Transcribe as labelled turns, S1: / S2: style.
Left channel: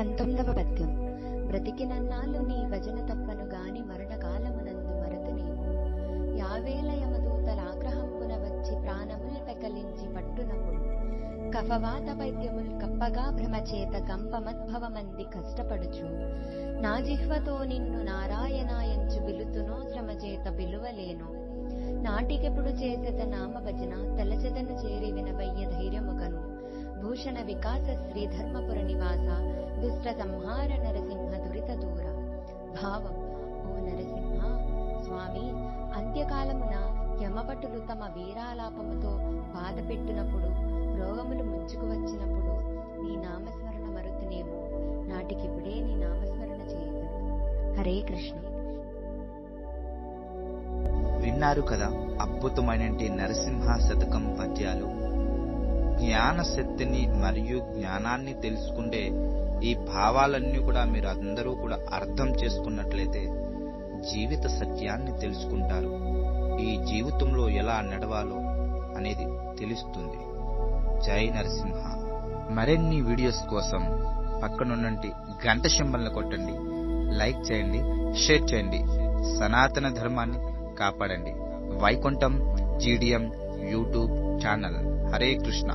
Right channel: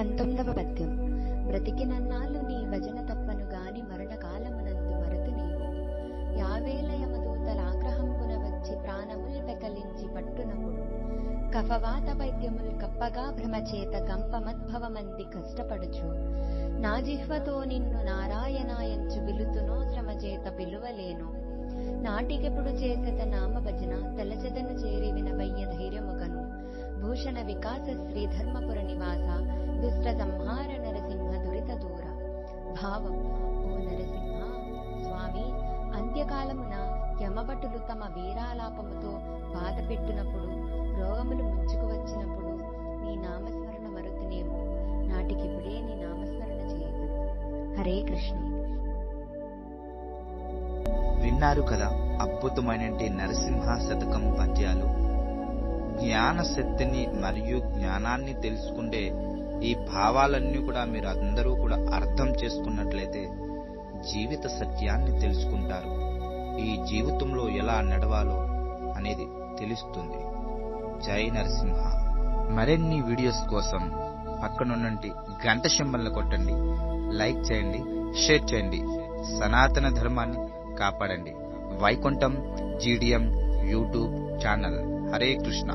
S1: పంతొమ్మిదవ పద్యం. బ్రతికినన్నాళ్ళు నీ భజన తప్పను గాని మరణకాలమునందు మరతు నీవు. యావేల యమదూతలాగ్రహంబున వచ్చి ప్రాణముల్ పెకలించి పట్టునప్పుడు కఫవాత పైద్యముల్ కప్పగా భ్రమచేత గంపమద్భవమంది కష్టపడుచు. నా జిహ్వతో నిన్ను నారాయణాయంచు బిలుతునో శ్రమచేత బిలువలేను నాటికెప్పుడు చేసెత నామ భజన తలచెదను చేరి వినవయ్య భూషణ వికాస శ్రీ ధర్మపుర నివాస దుష్ట సంహార నరసింహ దురిత దూర భావం ఓ నరసింహ స్వామి అంత్యకాలమున యమభటులు తమ వీరాలాపముతో బాధ పెట్టినప్పుడు రోగములు ముంచుకు వచ్చినప్పుడు నీ నామస్మరణ మరుతునేమో. నాటికిప్పుడే నీ నామస్మరణ చేయదును. హరే కృష్ణ.
S2: విన్నారు కదా అద్భుతమైన నరసింహ శతకం పద్యాలు. జ్ఞాన శక్తిని మరియు జ్ఞానాన్ని తెలుసుకుంటే ఈ భావాలన్నీ కూడా మీరు అందరూ కూడా అర్థం చేసుకున్నట్లయితే జీవిత సత్యాన్ని తెలుసుకుంటారు. ఈ జీవితంలో ఎలా నడవాలో అనేది తెలుస్తుంది. జై నరసింహ. మరిన్ని వీడియోస్ కోసం పక్కనున్నంటి గంట సింబల్ని కొట్టండి. లైక్ చేయండి షేర్ చేయండి. సనాతన ధర్మాన్ని కాపాడండి. Vaikuntham GDM YouTube channel. Hare Krishna